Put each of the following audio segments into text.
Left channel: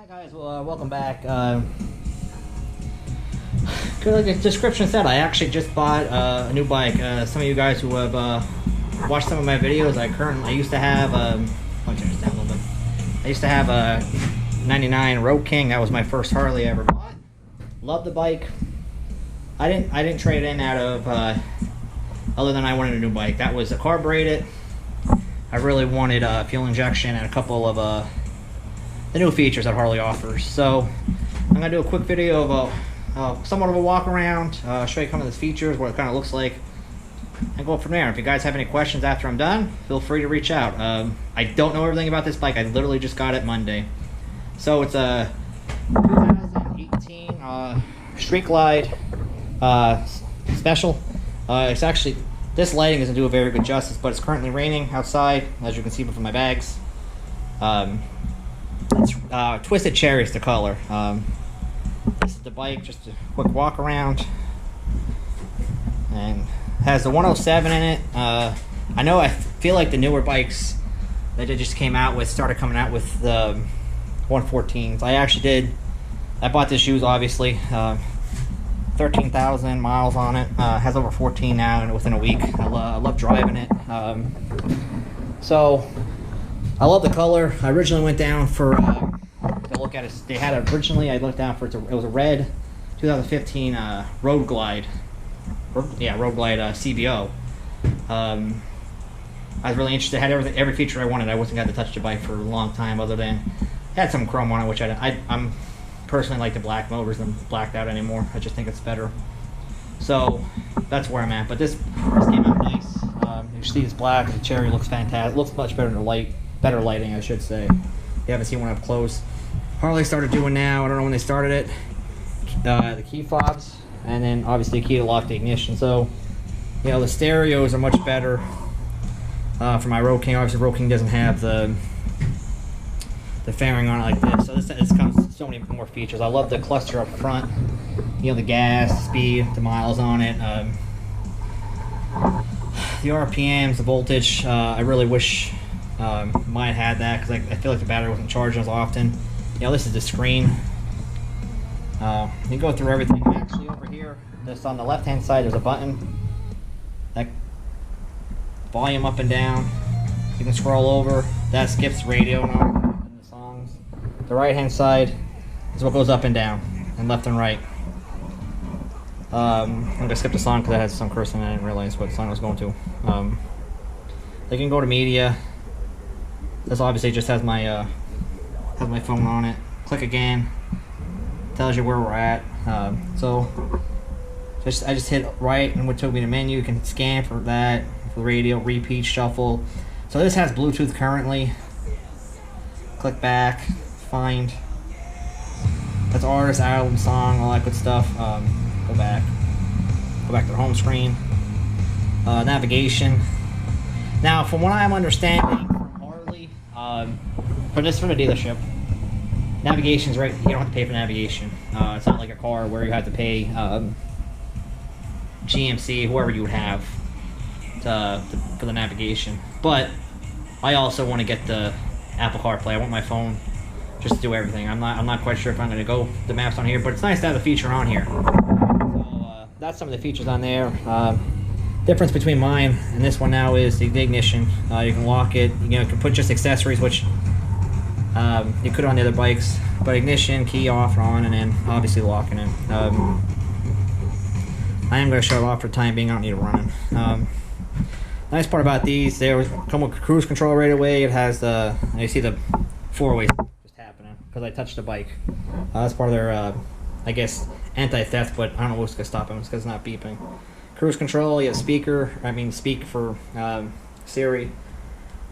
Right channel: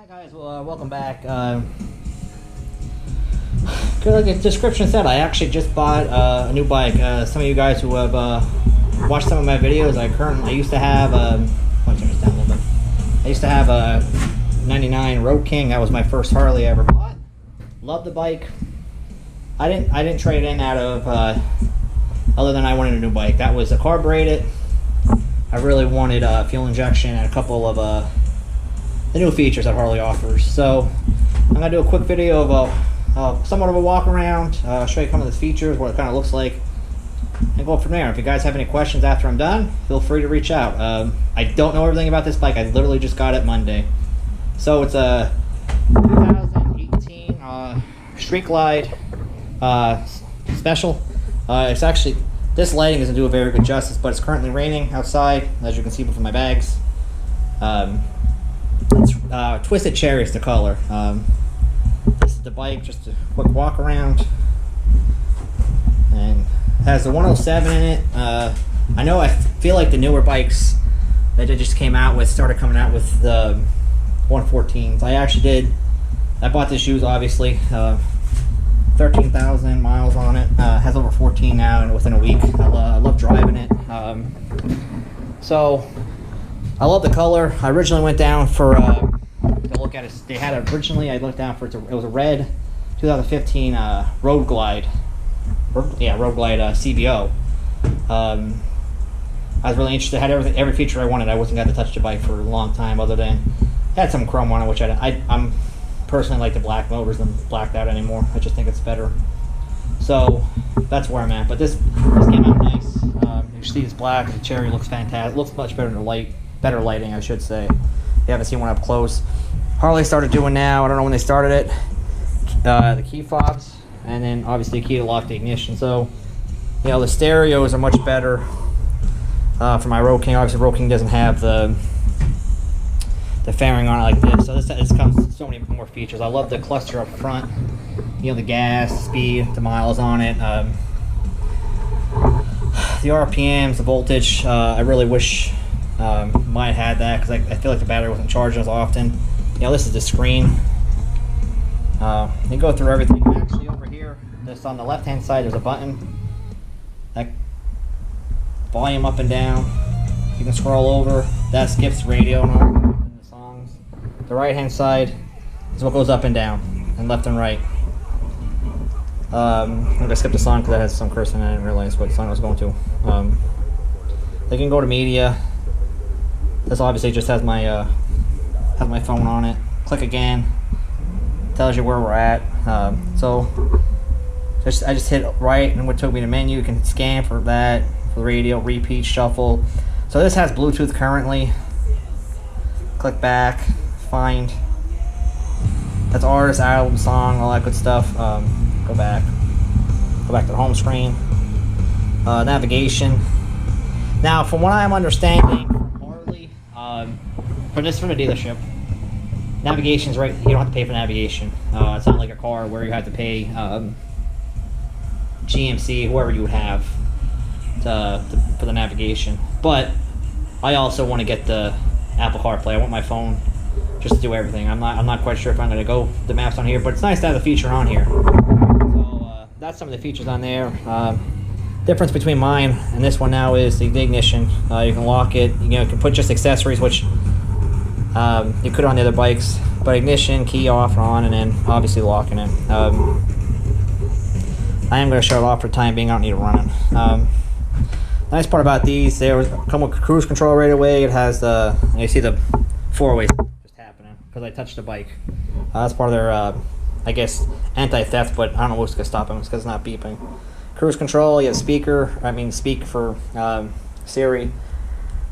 Hi guys, well, welcome back. Like the description said, I actually just bought a new bike. Some of you guys who have watched some of my videos, I used to have let me turn this down a little bit. I used to have a '99 Road King. That was my first Harley I ever bought. Loved the bike. I didn't trade in out of other than I wanted a new bike. That was a carbureted. I really wanted fuel injection and a couple of the new features that Harley offers. So I'm gonna do a quick video of somewhat of a walk around, show you some of the features, what it kind of looks like, and go from there. If you guys have any questions after I'm done, feel free to reach out. I don't know everything about this bike. I literally just got it Monday. So it's a 2018 Street Glide special. It's actually, this lighting doesn't do a very good justice, but it's currently raining outside, as you can see from my bags. It's Twisted Cherry is the color. This is the bike, just a quick walk around. And has the 107 in it. I feel like the newer bikes that they just came out with started coming out with the 114s. I bought this used, obviously. 13,000 miles on it. Has over 14 now, and within a week. I love driving it. So I love the color. I originally went down for to look at it. They had it originally. I looked down for it. It was a red 2015 Road Glide. Road Glide CBO. I was really interested. It had every feature I wanted. I wasn't got to touch the bike for a long time, other than it had some chrome on it, which I'm personally like the black motors than blacked out anymore. I just think it's better. So that's where I'm at. But this came out nice. You see it's black. The cherry looks fantastic. It looks much better in the light. Better lighting, I should say. You haven't seen one up close. Harley started doing now, I don't know when they started it, the key fobs, and then obviously a key to lock the ignition. So, you know, the stereos are much better for my Road King. Obviously, Road King doesn't have the fairing on it like this. So this comes with so many more features. I love the cluster up front. You know, the gas, the speed, the miles on it. The RPMs, the voltage. I really wish mine had that, because I feel like the battery wasn't charged as often. You know, this is the screen. You go through everything. And actually over here, just on the left hand side, there's a button that volume up and down. You can scroll over. That skips radio and the songs. The right hand side is what goes up and down, and left and right. I'm gonna skip the song because that has some cursing. I didn't realize what song I was going to. They can go to media. This obviously just has my phone on it. Click again, tells you where we're at. So I just hit right, and what took me to menu. You can scan for that, for the radio, repeat, shuffle. So this has Bluetooth currently. Click back, find. That's artist, album, song, all that good stuff. Go back to the home screen. Navigation. Now, from what I'm understanding from Harley, for the dealership, navigation's right. You don't have to pay for navigation. It's not like a car where you have to pay GMC, whoever you would have, for the navigation. But I also want to get the Apple CarPlay. I want my phone just to do everything. I'm not quite sure if I'm going to go the maps on here, but it's nice to have the feature on here. So that's some of the features on there. Difference between mine and this one now is the ignition. You can lock it. You can put just accessories, which you could on the other bikes. But ignition, key off or on, and then obviously locking it. I am going to shut it off for the time being. I don't need it running. Nice part about these, they come with cruise control right away. It has you see the 4-ways just happening because I touched the bike. That's part of their, I guess, anti-theft, but I don't know what's going to stop them. It's because it's not beeping. Cruise control, you have speak for Siri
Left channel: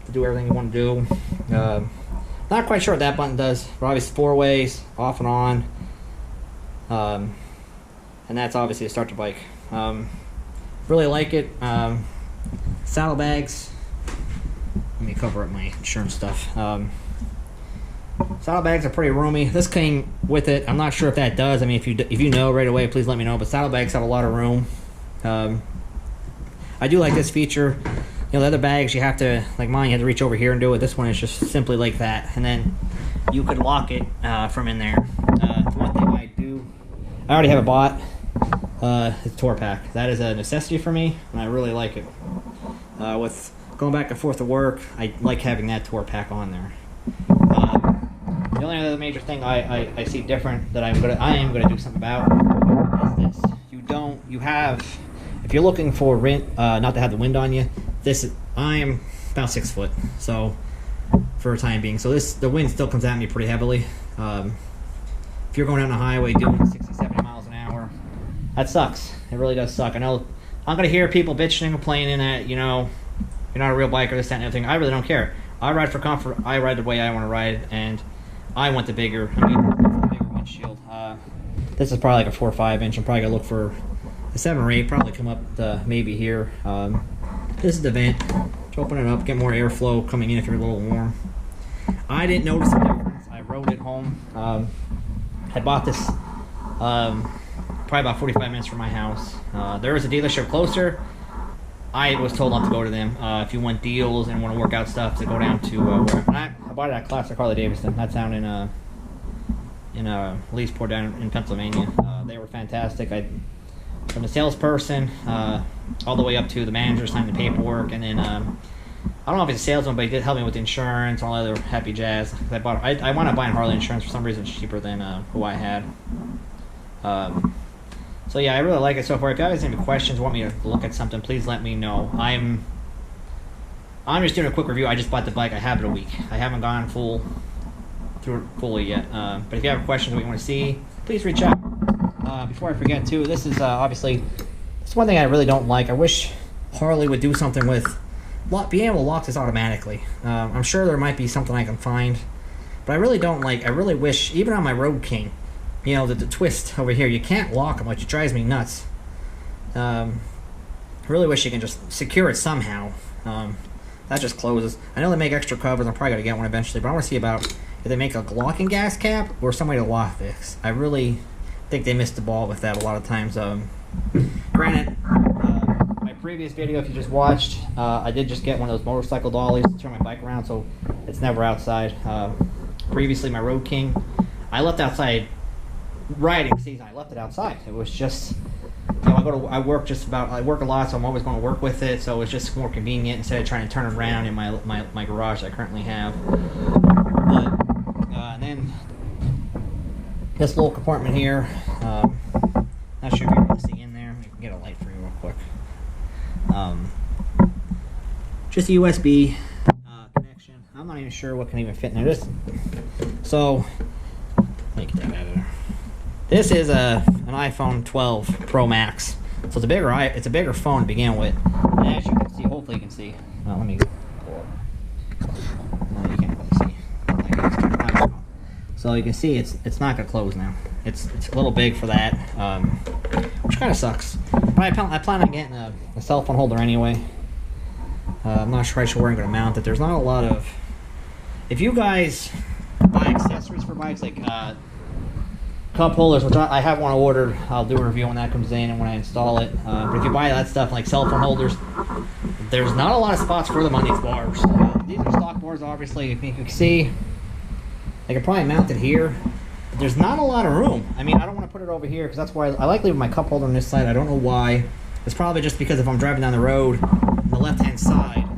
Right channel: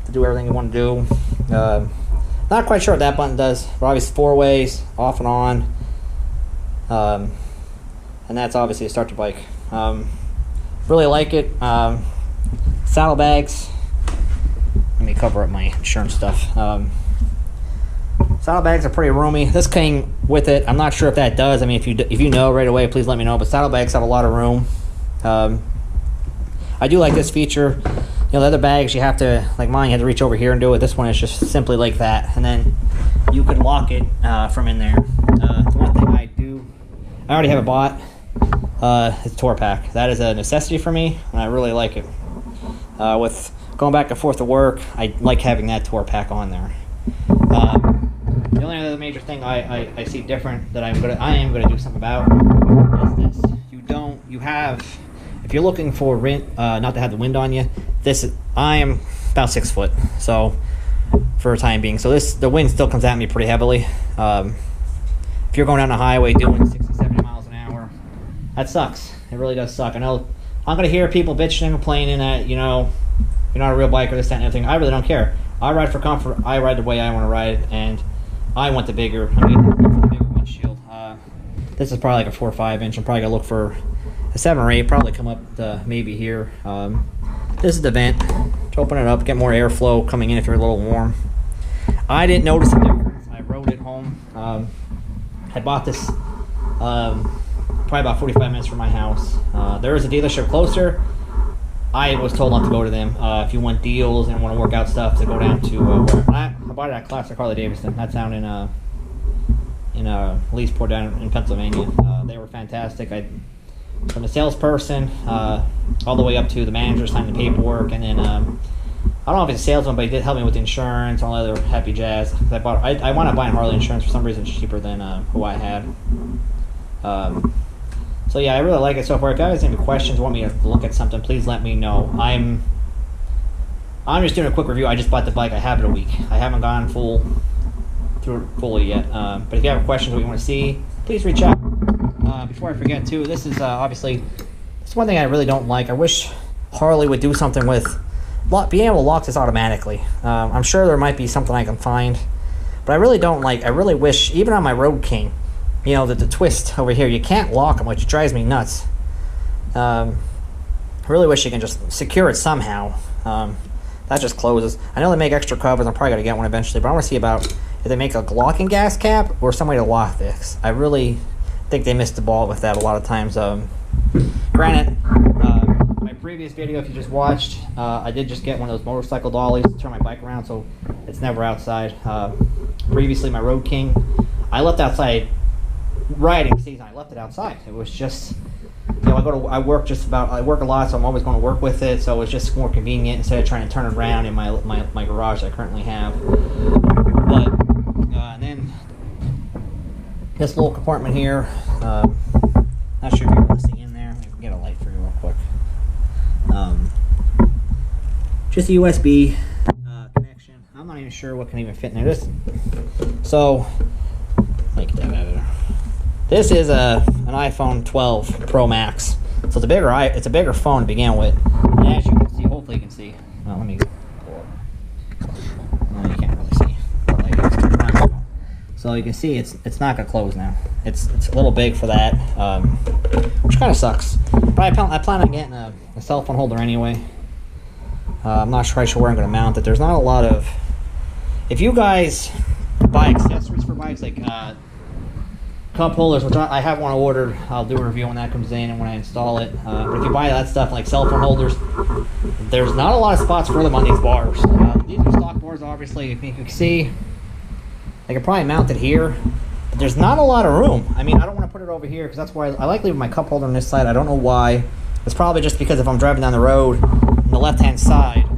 to do everything you want to do. Not quite sure what that button does, but obviously 4-ways, off and on. And that's obviously to start the bike. Really like it. Saddlebags. Let me cover up my insurance stuff. Saddlebags are pretty roomy. This came with it. I'm not sure if that does. I mean, if you know right away, please let me know. But saddlebags have a lot of room. I do like this feature. You know, the other bags you have to, like mine, you have to reach over here and do it. This one is just simply like that. And then you could lock it from in there. The one thing I already have it bought. It's tour pack. That is a necessity for me, and I really like it. With going back and forth to work, I like having that tour pack on there. The only other major thing I see different that I am gonna do something about is this. If you're looking for not to have the wind on you, I am about 6 foot, so for a time being. So the wind still comes at me pretty heavily. If you're going down the highway doing 60, 70 miles an hour, that sucks. It really does suck. I know I'm going to hear people bitching and complaining that, you're not a real biker, this, that, and everything. I really don't care. I ride for comfort. I ride the way I want to ride, and I want I'm going to look for the bigger windshield. This is probably like a 4 or 5 inch. I'm probably going to look for a 7 or 8, probably come up to maybe here. This is the vent. Just open it up, get more airflow coming in if you're a little warm. I didn't notice a difference. I rode it home. I bought this probably about 45 minutes from my house. There is a dealership closer. I was told not to go to them. If you want deals and want to work out stuff, to go down to where I bought it at classic Harley Davidson. That's down in Leesport down in Pennsylvania. They were fantastic. From the salesperson all the way up to the manager signing the paperwork, and then I don't know if it's a salesman, but he did help me with the insurance, all the other happy jazz. I wound up buying Harley insurance for some reason. It's cheaper than who I had. So yeah, I really like it so far. If you guys have any questions, want me to look at something, please let me know. I'm just doing a quick review. I just bought the bike. I have it a week. I haven't gone through it fully yet. But if you have questions, what you want to see, please reach out. Before I forget too, this is obviously, it's one thing I really don't like. I wish Harley would do something with being able to lock this automatically. I'm sure there might be something I can find, but I really don't like. I really wish, even on my Road King, that the twist over here, you can't lock them, which drives me nuts. I really wish you can just secure it somehow. That just closes. I know they make extra covers. I'm probably going to get one eventually, but I want to see about if they make a locking gas cap or some way to lock this. I really think they missed the ball with that a lot of times. Granted, my previous video, if you just watched, I did just get one of those motorcycle dollies to turn my bike around, so it's never outside. Previously, my Road King, I left outside riding season. I left it outside. It was just, I work a lot, so I'm always going to work with it, so it was just more convenient instead of trying to turn it around in my garage that I currently have. But and then this little compartment here, not sure if you can really see in there. Let me get a light for you real quick. Just a USB connection. I'm not even sure what can even fit in there. So let me get that out of there. This is an iPhone 12 Pro Max, so it's a bigger phone to begin with. And as you can see, hopefully you can see. Let me pull up. No, you can't really see. The lighting is clear. So you can see it's not gonna close now. It's a little big for that, which kind of sucks. But I plan on getting a cell phone holder anyway. I'm not quite sure where I'm gonna mount it. There's not a lot of. If you guys buy accessories for bikes like cup holders, which I have one ordered, I'll do a review when that comes in and when I install it. But if you buy that stuff like cell phone holders, there's not a lot of spots for them on these bars. These are stock bars, obviously. If you can see, I could probably mount it here, but there's not a lot of room. I mean, I don't want to put it over here because that's why I like leaving my cup holder on this side. I don't know why. It's probably just because if I'm driving down the road on the left-hand side,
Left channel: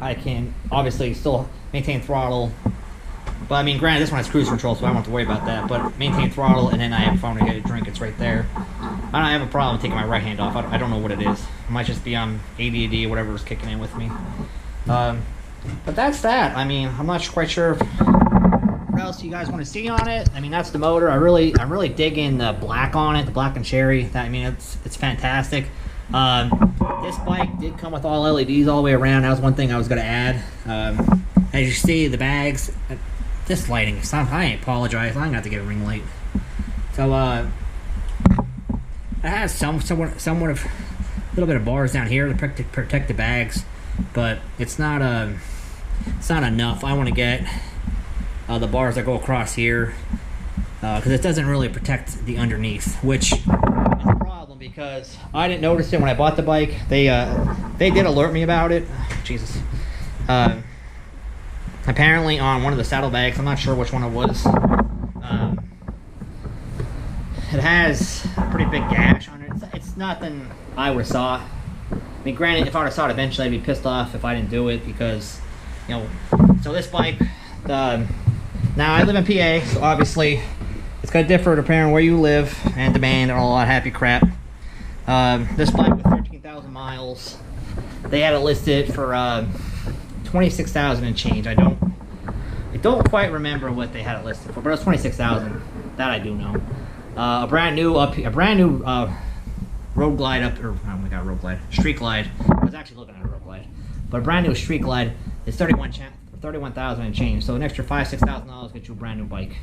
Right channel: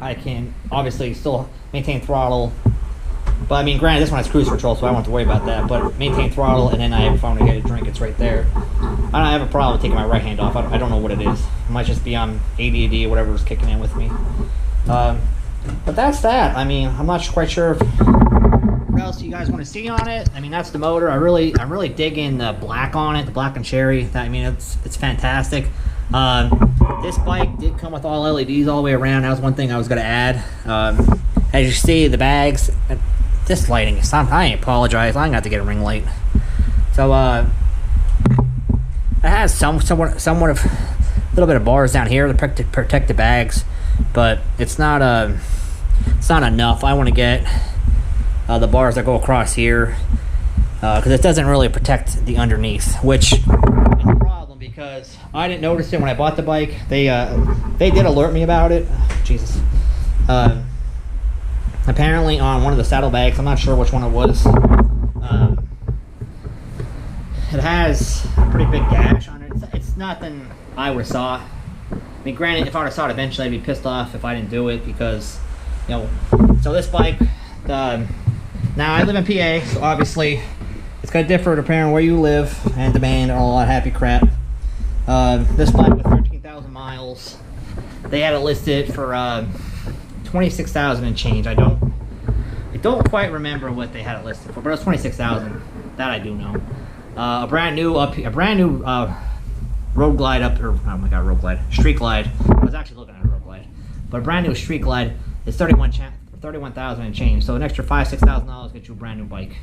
I can obviously still maintain throttle. But I mean, granted, this one has cruise control, so I don't have to worry about that. But maintain throttle, and then I have a phone to get a drink. It's right there. I don't have a problem taking my right hand off. I don't know what it is. It might just be on ADD or whatever is kicking in with me. But that's that. I mean, I'm not quite sure what else you guys want to see on it. I mean, that's the motor. I'm really digging the black on it, the black and cherry. It's fantastic. This bike did come with all LEDs all the way around. That was one thing I was going to add. As you see, the bags. This lighting is something. I apologize. I'm going to have to get a ring light. So, it has somewhat of a little bit of bars down here to protect the bags, but it's not enough. I want to get the bars that go across here because it doesn't really protect the underneath, which is a problem because I didn't notice it when I bought the bike. They did alert me about it. Jesus. apparently on one of the saddlebags, I'm not sure which one it was, it has a pretty big gash on it. It's nothing I would have saw. I mean, granted, if I would have saw it eventually, I'd be pissed off if I didn't do it because, you know, so this bike, now I live in PA, so obviously it's going to differ depending on where you live and demand and all that happy crap. This bike with 13,000 miles, they had it listed for 26,000 and change. I don't quite remember what they had it listed for, but it was 26,000. That I do know. A brand new Road Glide Road Glide, Street Glide. I was actually looking at a Road Glide, but a brand new Street Glide is 31,000 and change. So an extra $5,000-$6,000 gets you a brand new bike.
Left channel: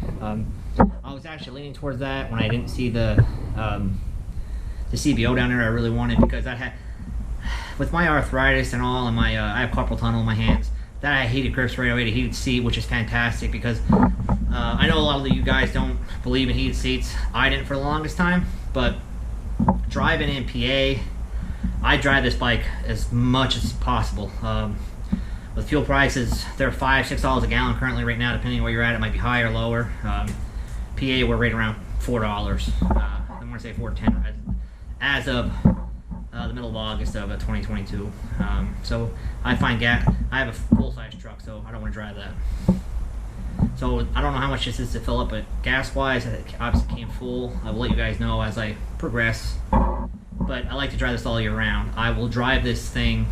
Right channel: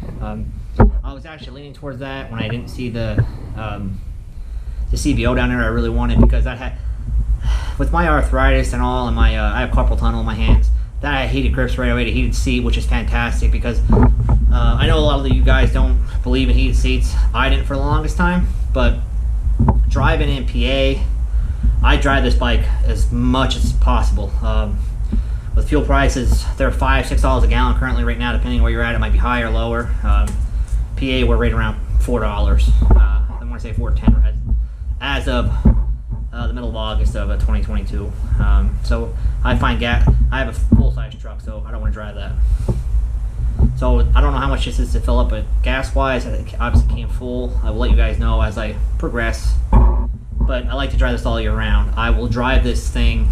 I was actually leaning towards that when I didn't see the CBO down there. I really wanted, because that had, with my arthritis and all, and my I have carpal tunnel in my hands. That I had heated grips right away, the heated seat, which is fantastic because I know a lot of you guys don't believe in heated seats. I didn't for the longest time, but driving in PA, I drive this bike as much as possible. With fuel prices, they're $5-6 a gallon currently right now, depending on where you're at. It might be higher or lower. PA, we're right around $4. I want to say $4.10 as of the middle of August of 2022. So I find I have a full-size truck, so I don't want to drive that. So I don't know how much this is to fill up, but gas-wise, it obviously came full. I will let you guys know as I progress. But I like to drive this all year round. I will drive this thing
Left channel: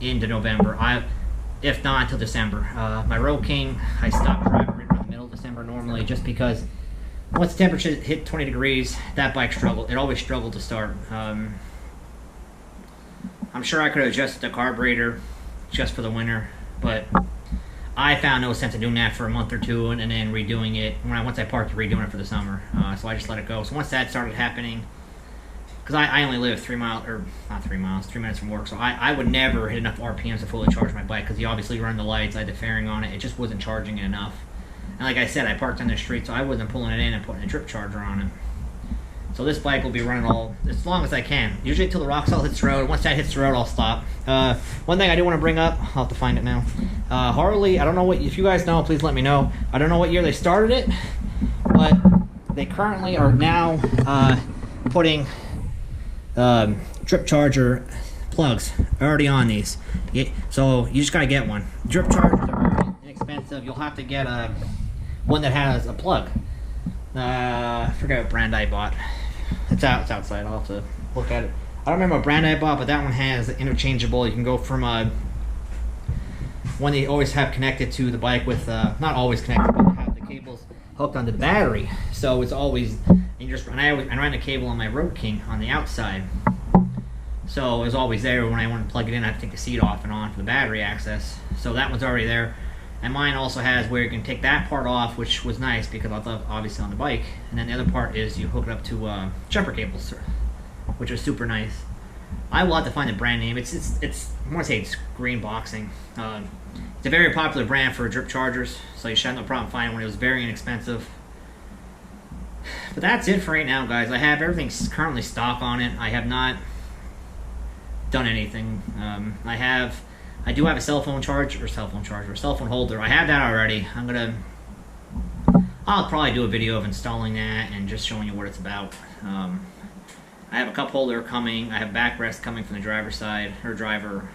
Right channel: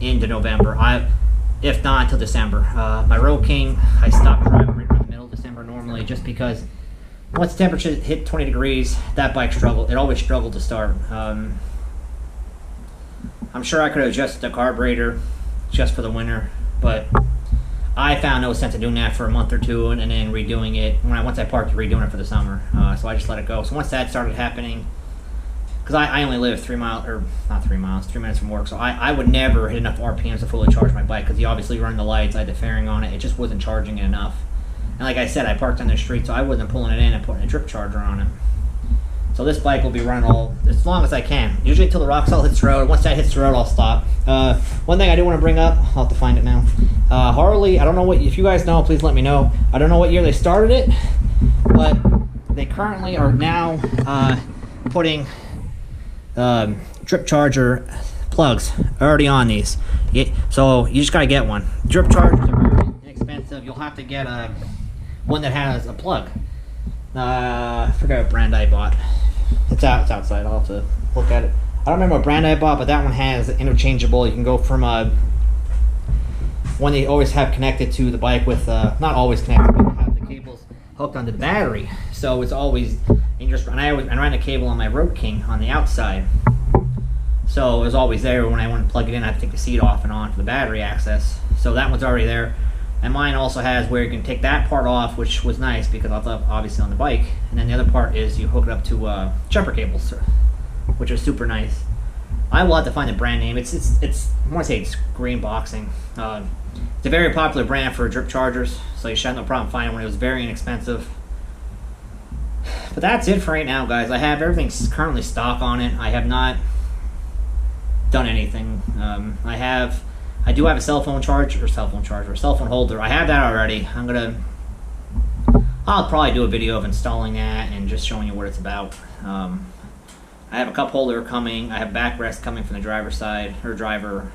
into November. If not until December. My Road King, I stopped driving right around the middle of December normally, just because once the temperature hit 20 degrees, that bike struggled. It always struggled to start. I'm sure I could have adjusted the carburetor just for the winter, but I found no sense in doing that for a month or two and then redoing it. Once I parked, redoing it for the summer. So I just let it go. So once that started happening, because I only live 3 minutes from work, so I would never hit enough RPMs to fully charge my bike, because you obviously run the lights, I had the fairing on it, it just wasn't charging it enough. And like I said, I parked on the street, so I wasn't pulling it in and putting a drip charger on it. So this bike will be running as long as I can. Usually until the rock salt hits the road. Once that hits the road, I'll stop. One thing I do want to bring up, I'll have to find it now. Harley, I don't know if you guys know, please let me know. I don't know what year they started it, but they currently are now putting drip charger plugs already on these. So you just got to get one. Drip chargers are very inexpensive. You'll have to get one that has a plug. I forget what brand I bought. It's outside. I'll have to look at it. I don't remember what brand I bought, but that one has interchangeable. You can go from one they always have connected to the bike with, not always connected, but they have the cables hooked onto the battery. So it's always, and I ran a cable on my Road King on the outside. So it was always there. When I wanted to plug it in, I had to take the seat off and on for the battery access. So that one's already there. And mine also has where you can take that part off, which was nice because I thought obviously on the bike. And then the other part is you hook it up to jumper cables, which is super nice. I will have to find the brand name. It's I want to say it's Green Boxing. It's a very popular brand for drip chargers, so you should have no problem finding one. It was very inexpensive. But that's it for right now, guys. I have everything currently stock on it. I have not done anything. I do have a cell phone holder. I have that already. I'll probably do a video of installing that and just showing you what it's about. I have a cup holder coming. I have backrest coming from the driver's side, or driver.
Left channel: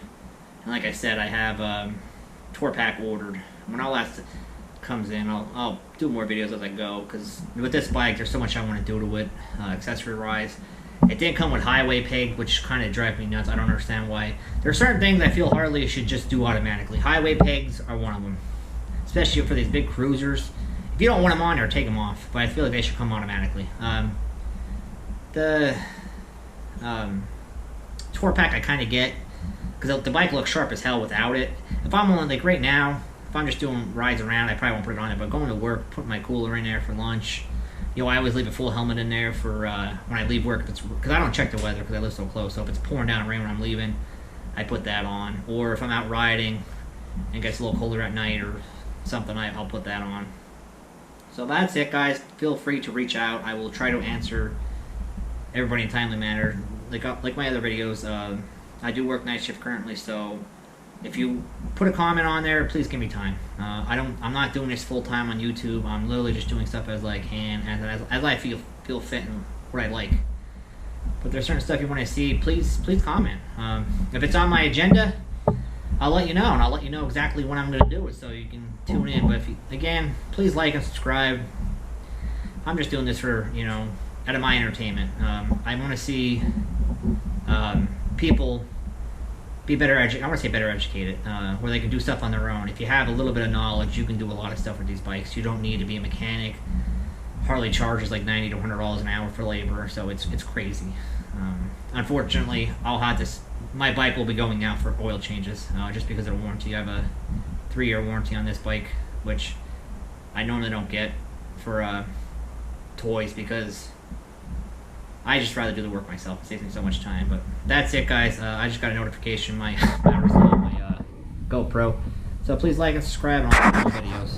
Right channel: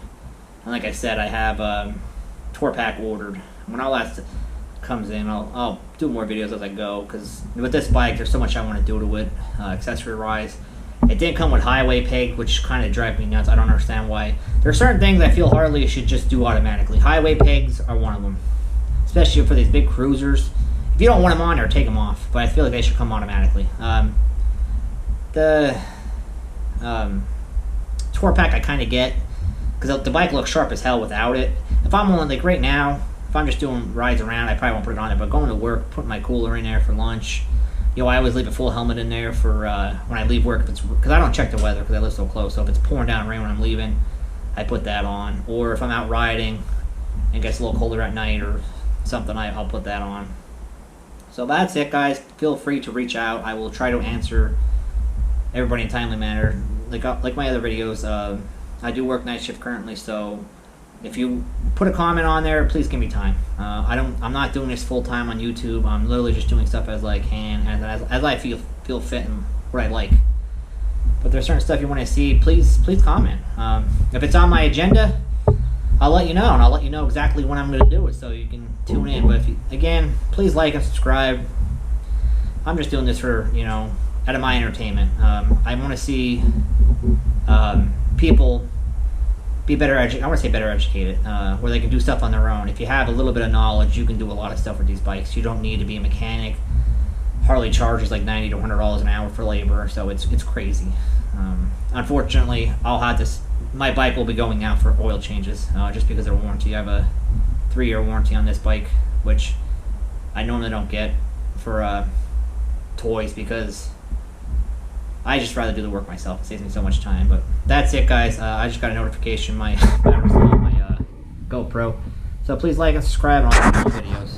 And like I said, I have tour pack ordered. When all that comes in, I'll do more videos as I go, because with this bike, there's so much I want to do to it, accessory-wise. It didn't come with highway peg, which kind of drives me nuts. I don't understand why. There are certain things I feel Harley should just do automatically. Highway pegs are one of them, especially for these big cruisers. If you don't want them on there, take them off. But I feel like they should come automatically. The tour pack I kind of get, because the bike looks sharp as hell without it. If I'm on, like right now, if I'm just doing rides around, I probably won't put it on there. But going to work, putting my cooler in there for lunch. You know, I always leave a full helmet in there for when I leave work, because I don't check the weather because I live so close. So if it's pouring down rain when I'm leaving, I put that on. Or if I'm out riding and it gets a little colder at night or something, I'll put that on. So that's it, guys. Feel free to reach out. I will try to answer everybody in a timely manner. Like my other videos, I do work night shift currently, so if you put a comment on there, please give me time. I'm not doing this full time on YouTube. I'm literally just doing stuff as I can, as I feel fit and what I like. But there's certain stuff you want to see, please comment. If it's on my agenda, I'll let you know, and I'll let you know exactly when I'm going to do it, so you can tune in. But again, please like and subscribe. I'm just doing this for, out of my entertainment. I want to see people be better educated. I want to say better educated, where they can do stuff on their own. If you have a little bit of knowledge, you can do a lot of stuff with these bikes. You don't need to be a mechanic. Harley charges like $90 to $100 an hour for labor, so it's crazy. Unfortunately, I'll have this. My bike will be going out for oil changes, just because of the warranty. I have a 3-year warranty on this bike, which I normally don't get for toys, because I just rather do the work myself. It saves me so much time. But that's it, guys. I just got a notification my battery's low on my GoPro. So please like and subscribe, and I'll keep doing videos.